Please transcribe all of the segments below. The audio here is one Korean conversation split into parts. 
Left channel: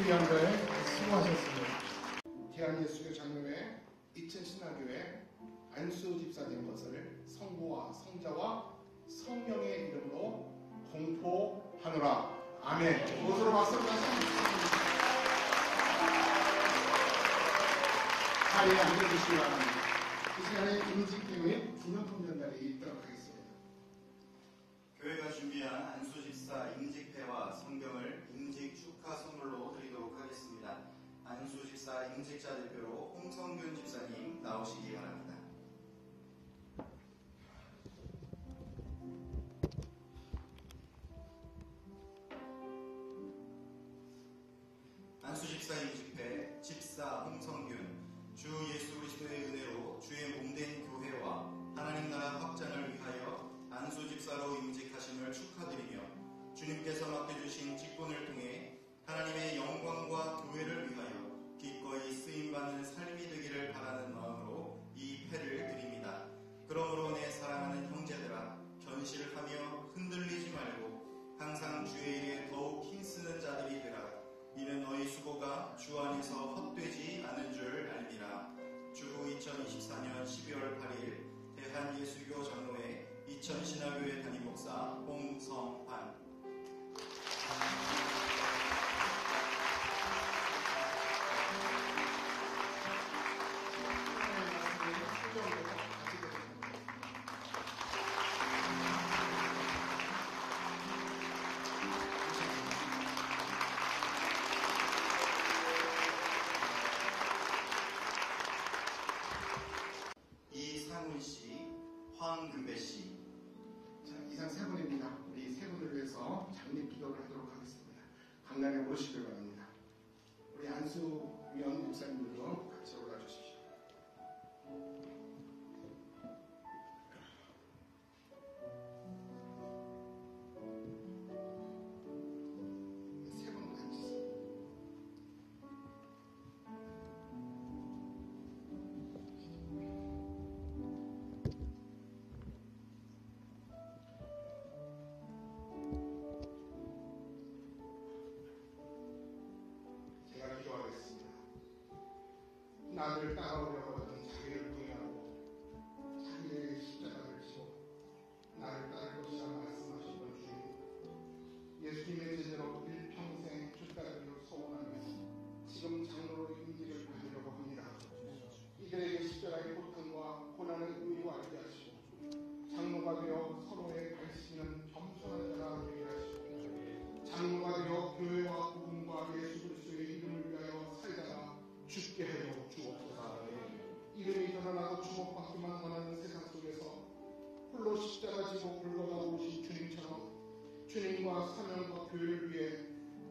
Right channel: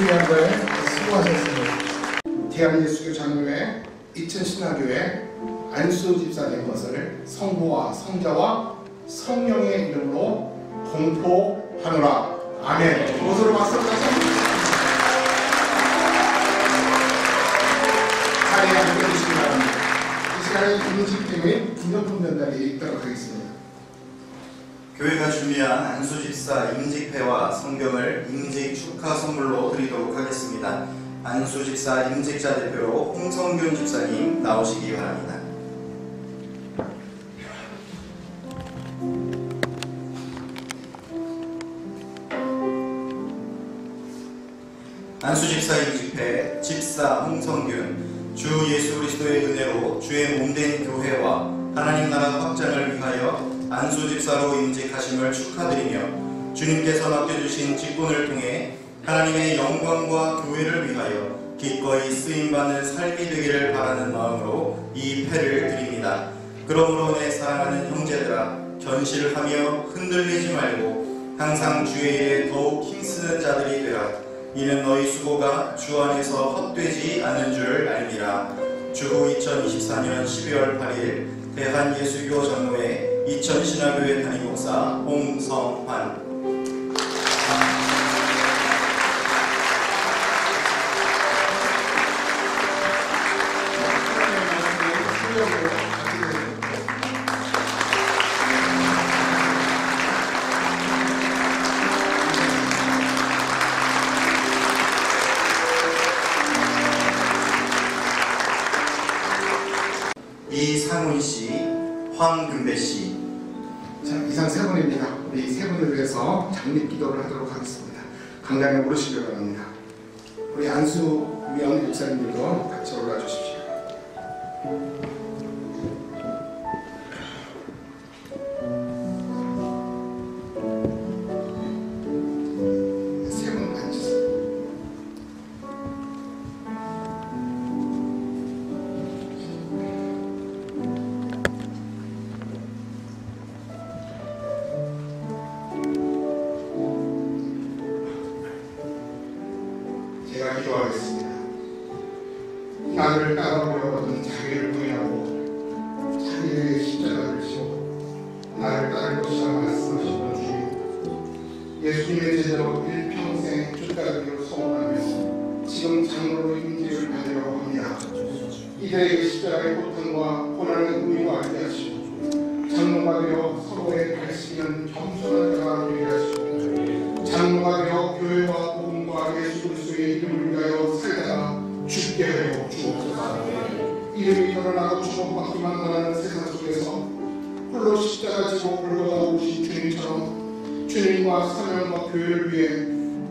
중요한 걸 수고하셨습니다. 대한예수교 장로회 이천신화교회 안수 집사 된 것을 성부와 성자와 성령의 이름으로 공포하노라. 아멘. 모두로 박수 부탁드립니다. 자리에 앉아주시기 바랍니다. 이 시간에 임직팀의 기념품 전달이 있도록 하겠습니다. 교회가 준비한 안수 집사 임직패와 성경을 임직 축하 선물로 드리도록 하겠습니다. 안수 집사 임직자 대표로 홍성균 집사님 나오시기 바랍니다. 안수 집사 임직패 집사 홍성균, 주 예수 그리스도의 은혜로 주의 몸된 교회와 하나님 나라 확장을 위하여 안수 집사로 임직하심을 축하드리며 주님께서 맡겨주신 직분을 통해 하나님의 영광과 교회를 위하여 기꺼이 쓰임받는 삶이 되기를 바라는 마음으로 이 패를 드립니다. 그러므로 내 사랑하는 형제들아, 견실하며 흔들리지 말고 항상 주의 일에 더욱 힘쓰는 자들이 되라. 이는 너희 수고가 주 안에서 헛되지 않은 줄 알미라. 주후 2024년 12월 8일 대한예수교 장로회 이천신화교회 담임목사 홍성환. 이상훈씨, 황금배씨. 자, 이상 세 분입니다. 우리 세 분을 위해서 장립기도를 하도록 하겠습니다. 강단에 오르시기 바랍니다. 우리 안수위원 목사님들도 같이 올라와 주십시오. 세 분 앉으세요. 제가 기도하겠습니다. 나를 따라오려거든 자기를 부인하고 자기의 십자가를 지고 나를 따를 것이라 말씀하시던 주님, 예수님의 제자로 일평생 주따르기로 소원하며 지금 장로로 임직을 받으려고 합니다. 이들에게 십자가의 고통과 고난의 의미가 알게 하시고 장로가 되어 서로의 가르치는 겸손한 자가 되게 하시고 장로가 되어 교회와 복음과 예수 그리스도의 이름을 위하여 살다가 죽게 하여 주옵소서. 이름이 드러나고 주목받기만 원하는 세상 속에서 홀로 십자가 지고 골고다 오신 주님처럼 주님과 사명과 교회를 위해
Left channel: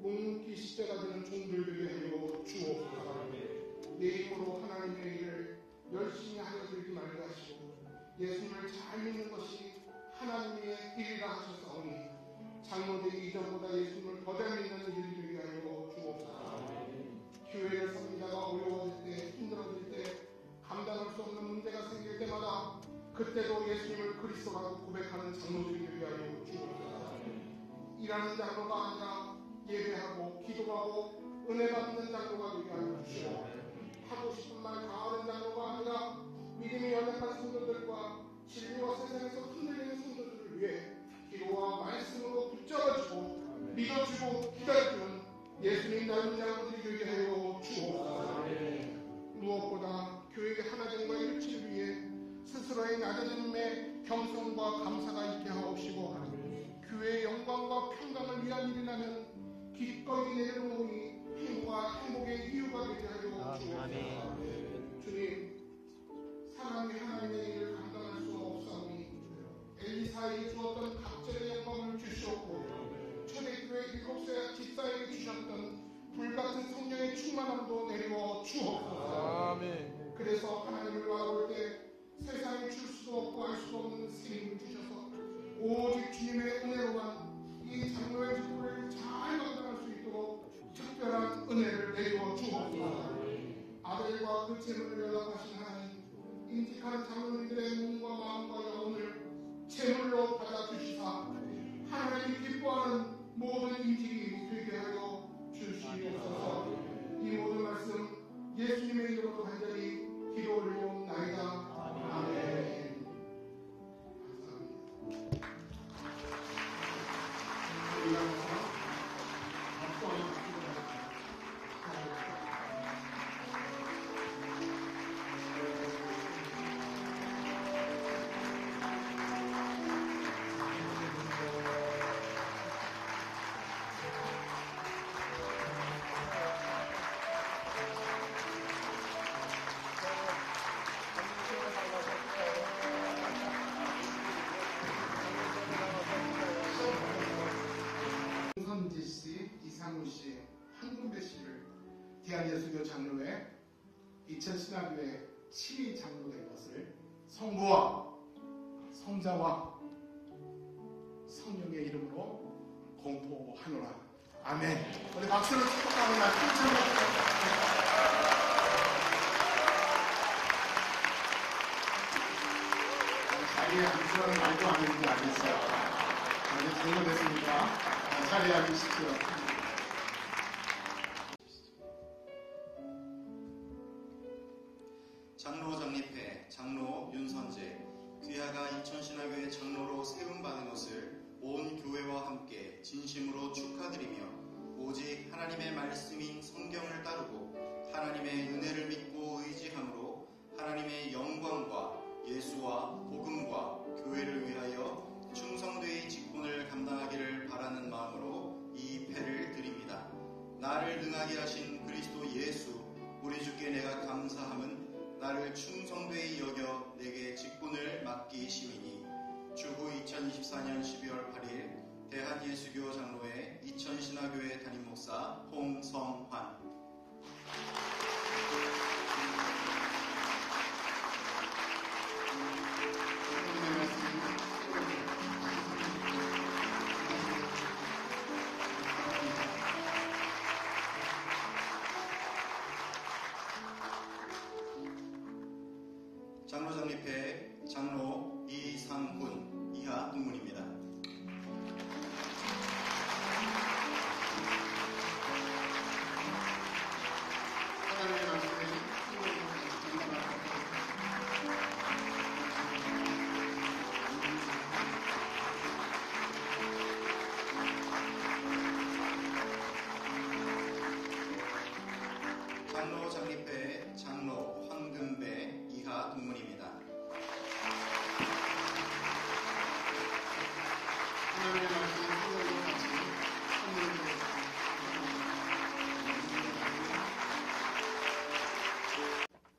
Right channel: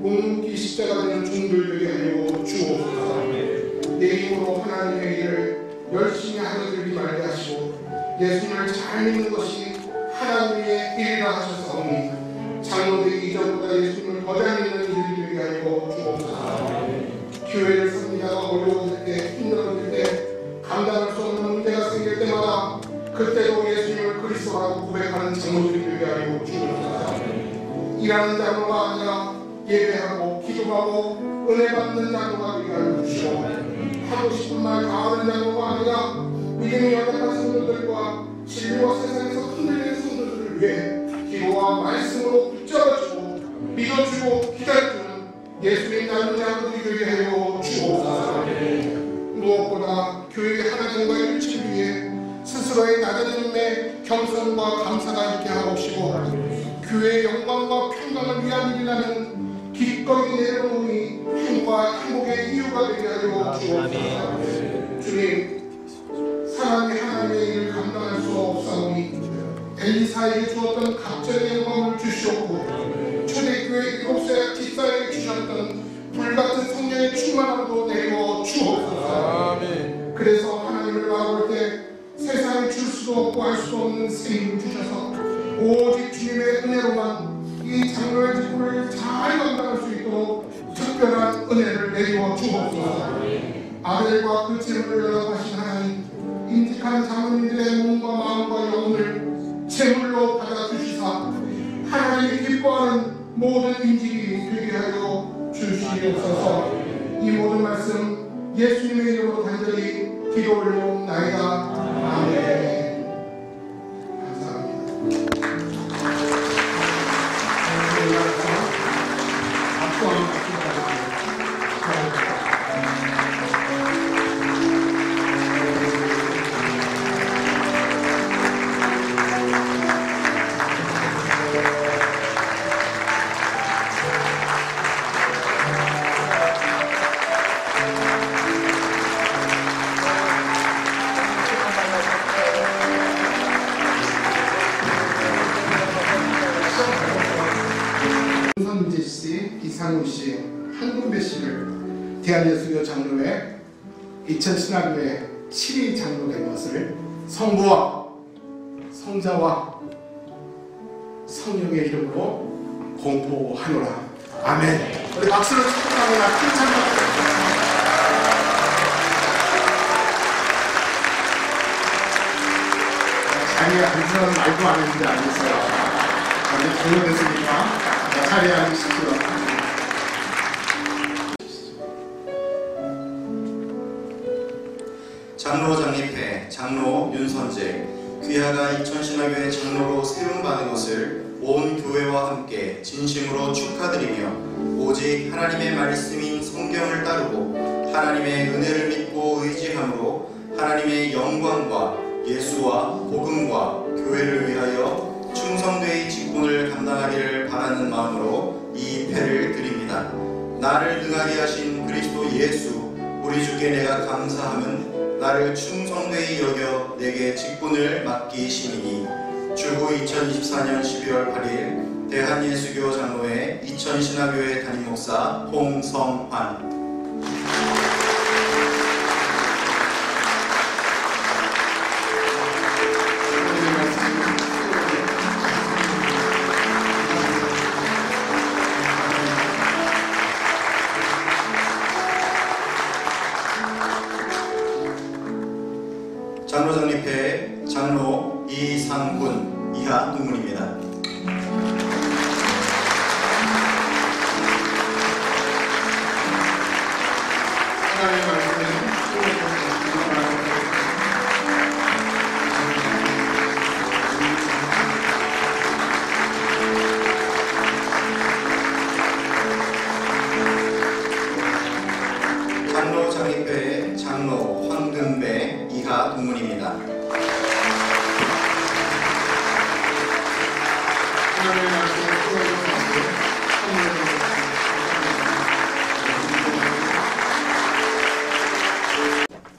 묵묵히 십자가 되는 종들 되게 하여 주옵소서. 내 힘으로 하나님의 일을 열심히 하려들지 말게 하시고 예수님을 잘 믿는 것이 하나님의 일이라 하셨사오니 장로되기 이전보다 예수님을 더 잘 믿는 이들이 되게 하여 주옵소서. 교회를 섬기다가 어려워질 때, 힘들어질 때, 감당할 수 없는 문제가 생길 때마다 그때도 예수님을 그리스도라고 고백하는 장로들이 되게 하여 주옵소서. 일하는 장로가 아니라 예배하고 기도하고 은혜 받는 장로가 되게 하여 주시고 하고 싶은 말 다 하는 장로가 아니라 믿음이 연약한 성도들과 진리와 세상에서 흔들리는 성도들을 위해 기도와 말씀으로 붙잡아주고 믿어주고 기다려주는 예수님 닮은 장로들이 되게 하여 주옵소서. 무엇보다 교회의 하나님과 일치를 위해 스스로의 낮아짐에 겸손과 감사가 있게 하옵시고 교회의 영광과 평강을 위한 일이라면 기꺼이 내려놓으니 힘과 행복의 이유가 되게 하여 주옵소서. 주님, 사람이 하나님의 일을 감당할 수 없사오니 엘리사에게 주었던 갑절의 영광을 주시옵고 초대교회 7세 집사에게 주셨던 불같은 성령의 충만함도 내려 주옵소서. 그래서 하나님을 바라볼 때 세상에 줄 수도 없고 할 수도 없는 생명을 주셔서 오직 주님의 은혜로만 이 장로의 직분을 잘 감당할 수 있도록 특별한 은혜를 내려 주옵소서. 아들과 그 재물을 연합하신 하나님, 인직한 장로님들의 몸과 마음과 영혼을 제물로 받아주시사 하나님이 기뻐하는 모든 인직이 되게 하여 주시옵소서. 이 모든 말씀 예수님의 이름으로 간절히 기도 올려옵나이다. 아멘. 감사합니다. 박수 한번 부탁드립니다. 손선재 씨, 이상우 씨, 한군배 씨를 대한예수교 장로회 이천신학교회 7위 장로 된 것을 성부와 성자와 성령의 이름으로 공포하노라. 아멘. 우리 박수로 축복합니다. 큰 찬양. 자리에 앉으라는 말도 안 했는데 앉으세요. 이제 종료됐으니까 자리에 앉으십시오. 장로 장립회 장로 윤선재 귀하가 이천신학교의 장로로 세움받은 것을 온 교회와 함께 진심으로 축하드리며 오직 하나님의 말씀인 성경을 따르고 하나님의 은혜를 믿고 의지함으로 하나님의 영광과 예수와 복음과 교회를 위하여 충성되이 직분을 감당하기를 바라는 마음으로 이 패를 드립니다. 나를 능하게 하신 그리스도 예수 우리 주께 내가 감사함은 나를 충성되이 여겨 내게 직분을 맡기심이니 주후 2024년 12월 8일 대한예수교 장로회 이천신학교회 담임목사 홍성환. 장로 장립회 장로 이상군 이하 동문입니다. 하나님의 말씀은 장로 장립회 장로 황금배 이하 동문입니다. 하나님의 말씀을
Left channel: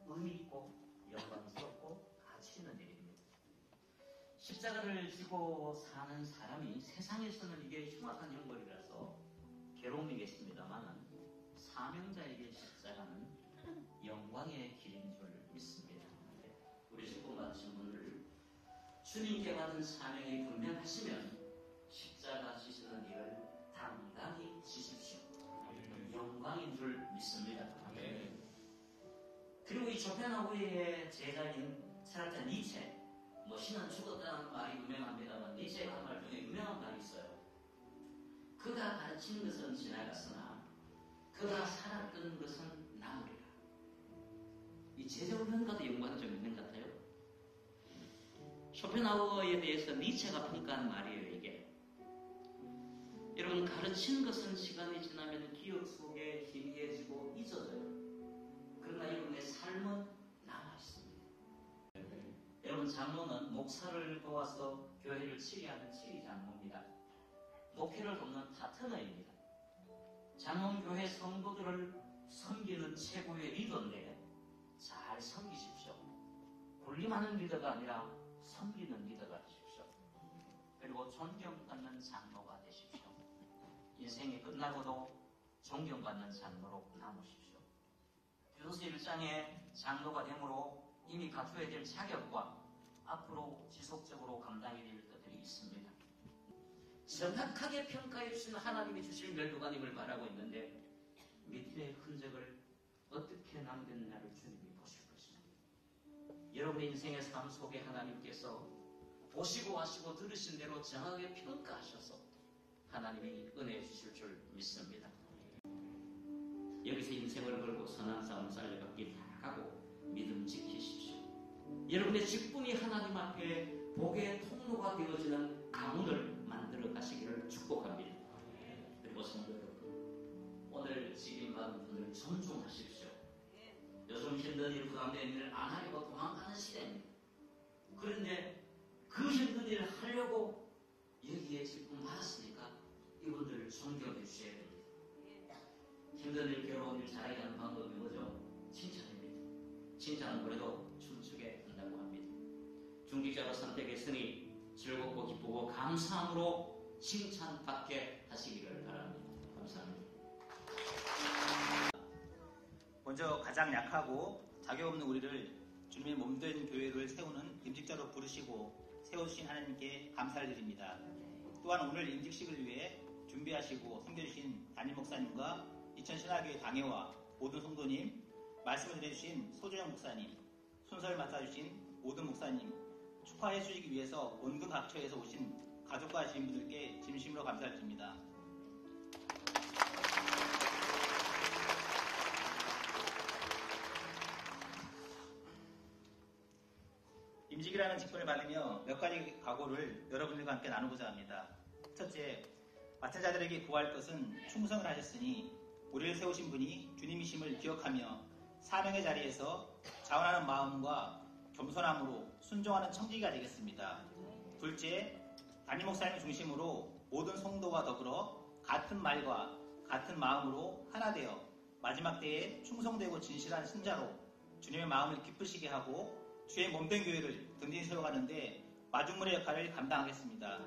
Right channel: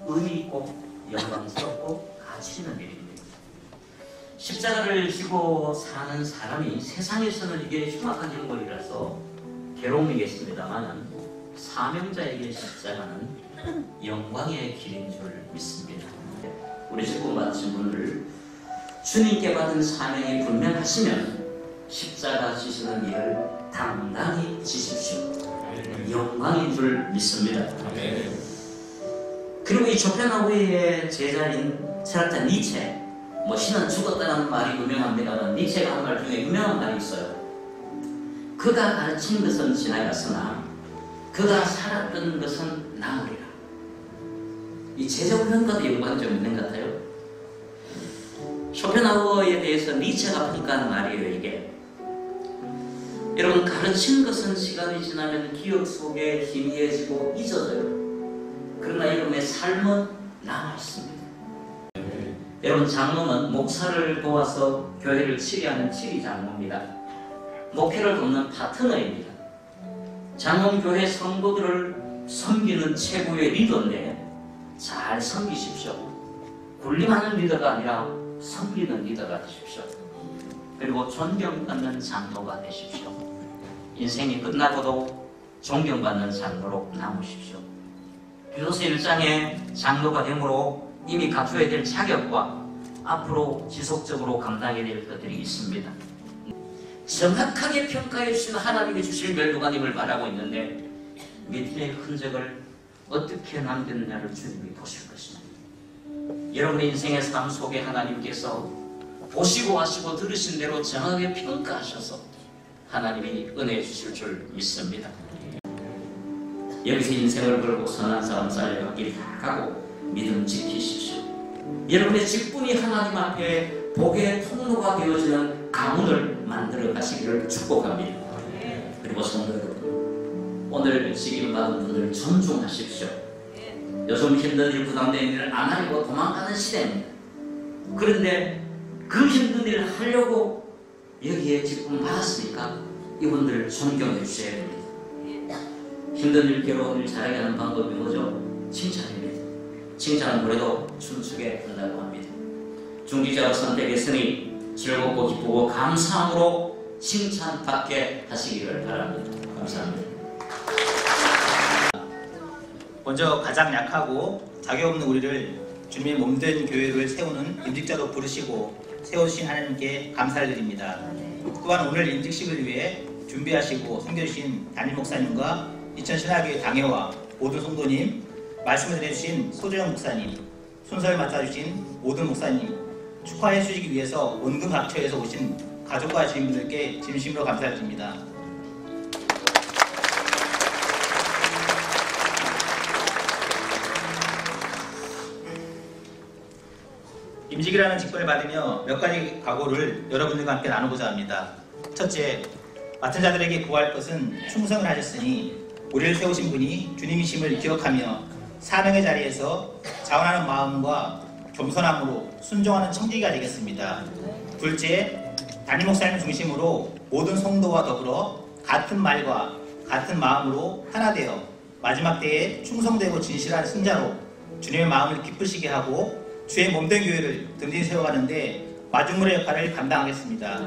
의미 있고 영광스럽고 가치 있는 일입니다. 십자가를 지고 사는 사람이 세상에서는 이게 흉악한 형벌이라서 괴로움이겠습니다만 사명자에게 십자가는 영광의 길인 줄 믿습니다. 우리 직분 받으신 분을 주님께 받은 사명이 분명하시면 십자가 지시는 일을 당당히 지십시오. 영광인 줄 믿습니다. 그리고 이 조펜하우의 제자인 철학자 니체, 신은 죽었다는 말이 유명합니다만 니체가 한 말 중에 유명한 말이 있어요. 그가 가르친 것은 지나갔으나 그가 살았던 것은 남으리라. 이 제자 훈련과도 연관이 좀 있는 것 같아요. 쇼펜하우어에 대해서 니체가 평가한 말이에요. 이게 여러분, 가르친 것은 시간이 지나면 기억 속에 희미해지고 잊어져요. 그러나 여러분의 삶은 남아있습니다. 여러분, 장로는 목사를 도와서 교회를 치리하는 치리 장로입니다. 목회를 돕는 파트너입니다. 장로는 교회 성도들을 섬기는 최고의 리더인데 잘 섬기십시오. 군림하는 리더가 아니라 섬기는 리더가 되십시오. 그리고 존경받는 장로가 되십시오. 인생이 끝나고도 존경받는 장로로 남으십시오. 교도소 1장의 장로가 되므로 이미 갖춰야 될 자격과 앞으로 지속적으로 감당해야 될 것들이 있습니다. 정확하게 평가해 주신 하나님이 주실 멸류관임을 말하고 있는데 믿음의 흔적을 어떻게 남겼느냐를 주님이 보실 것입니다. 여러분의 인생의 삶 속에 하나님께서 보시고 하시고 들으신 대로 정확하게 평가하셔서 하나님이 은혜 주실 줄 믿습니다. 여기서 인생을 걸고 선한 사람 살려가길 가고 믿음 지키십시오. 여러분의 직분이 하나님 앞에 복의 통로가 되어지는 가문을 만들어 가시기를 축복합니다. 그리고 성도 여러분, 오늘 직임을 받은 분들 존중하십시오. 요즘 힘든 일, 부담된 일을 안 하려고 도망가는 시대입니다. 그런데 그 힘든 일을 하려고 여기에 직분 받았으니까 이분들을 존경해 주셔야 됩니다. 힘든 일, 괴로운 일 잘하게 하는 방법이 뭐죠? 칭찬입니다. 칭찬은 그래도 춤추게 한다고 합니다. 중직자로 선택했으니 즐겁고 기쁘고 감사함으로 칭찬받게 하시기를 바랍니다. 감사합니다. 먼저 가장 약하고 자격 없는 우리를 주님의 몸된 교회를 세우는 임직자로 부르시고 세우신 하나님께 감사를 드립니다. 또한 오늘 임직식을 위해 준비하시고 섬겨주신 담임 목사님과 이천신학교의 당회와 모든 성도님, 말씀을 전해주신 소조영 목사님, 순서를 맡아주신 모든 목사님, 축하해 주시기 위해서 온갖 각처에서 오신 가족과 주인분들께 진심으로 감사드립니다. 임직이라는 직분을 받으며 몇 가지 각오를 여러분들과 함께 나누고자 합니다. 첫째, 맡은 자들에게 구할 것은 충성을 하셨으니 우리를 세우신 분이 주님이심을 기억하며 사명의 자리에서 자원하는 마음과 겸손함으로 순종하는 청지기가 되겠습니다. 둘째, 담임 목사님 중심으로 모든 성도와 더불어 같은 말과 같은 마음으로 하나 되어 마지막 때에 충성되고 진실한 승자로 주님의 마음을 기쁘시게 하고 주의 몸된 교회를 든든히 세워가는데 마중물의 역할을 감당하겠습니다.